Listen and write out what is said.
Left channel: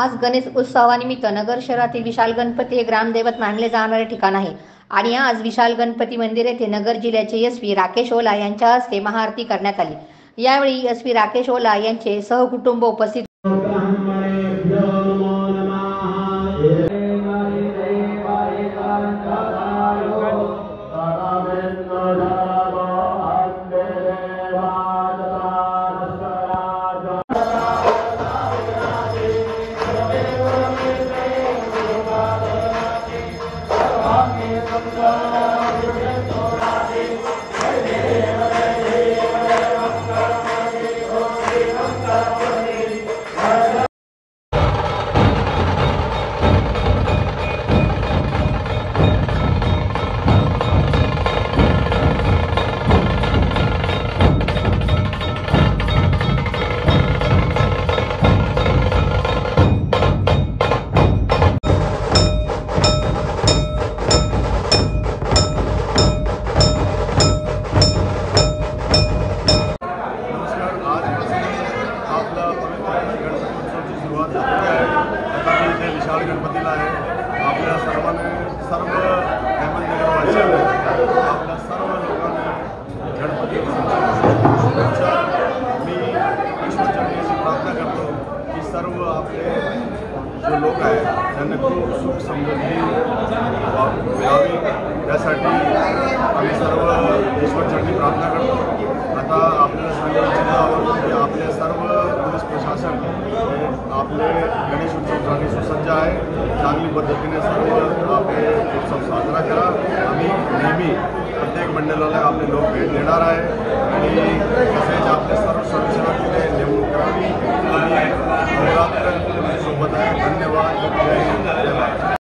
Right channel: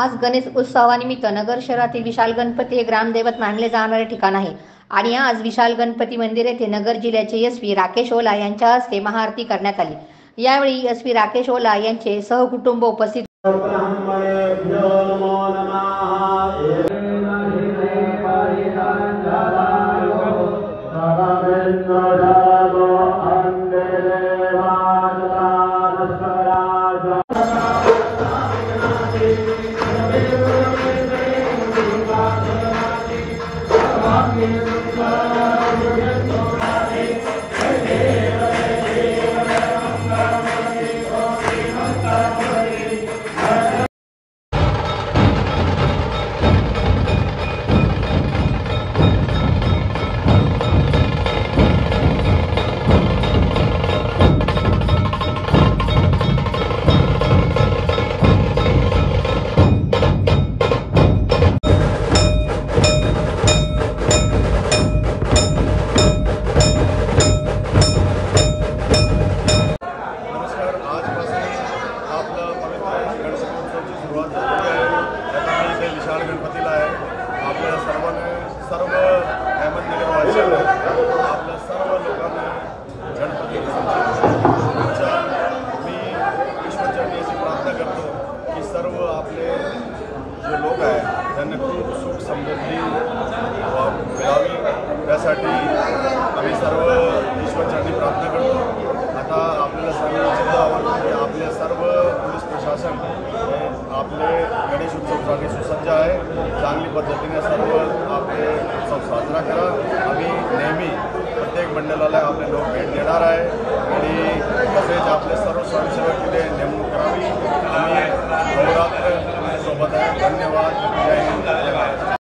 आज गणेश उत्सवानिमित्त नगर शहरातील विशाल गणपती हे ग्रामदैवत मानले जाणारे ठिकाण आहे आणि आज विशाल गणपती मंदिर येथे नगर जिल्ह्याचे एसपी राकेश ओला यांच्या हस्ते महाआरती करण्यात आली। यावेळी एसपी राकेश ओला यांचे सहकुटुंब उपस्थित आपला पवित्र गणपती उत्सवाची सुरुवात झालेली आहे। आता मी इथे विशाल गणपतीला आहे। आपल्या सर्व अहमदनगरवासियांना आपल्या सर्व लोकांना गणपती उत्सवाची शुभेच्छा। मी ईश्वरचरणी प्रार्थना करतो की सर्व आपले जे लोक आहेत त्यांना खूप सुख समृद्धी मिळावी, त्यासाठी आम्ही सर्व ईश्वरचरणी प्रार्थना करतो। आता आपल्याला सांगायला इच्छितो आवर्जून की आपले सर्व पोलीस प्रशासन हे आपले गणेश उत्सवासाठी सुसज्ज आहे। चांगली पद्धतीने सर्व आपले उत्सव साजरा करा। आम्ही नेहमी प्रत्येक मंडळाला आपले लोक भेट देणार आहे आणि तसेच आपले सर्व स्वयंसेवक तिथे नेमणूक करावी। आम्ही अहोरात्र सोबत आहे। धन्यवाद। जय हिंद, जय भारत।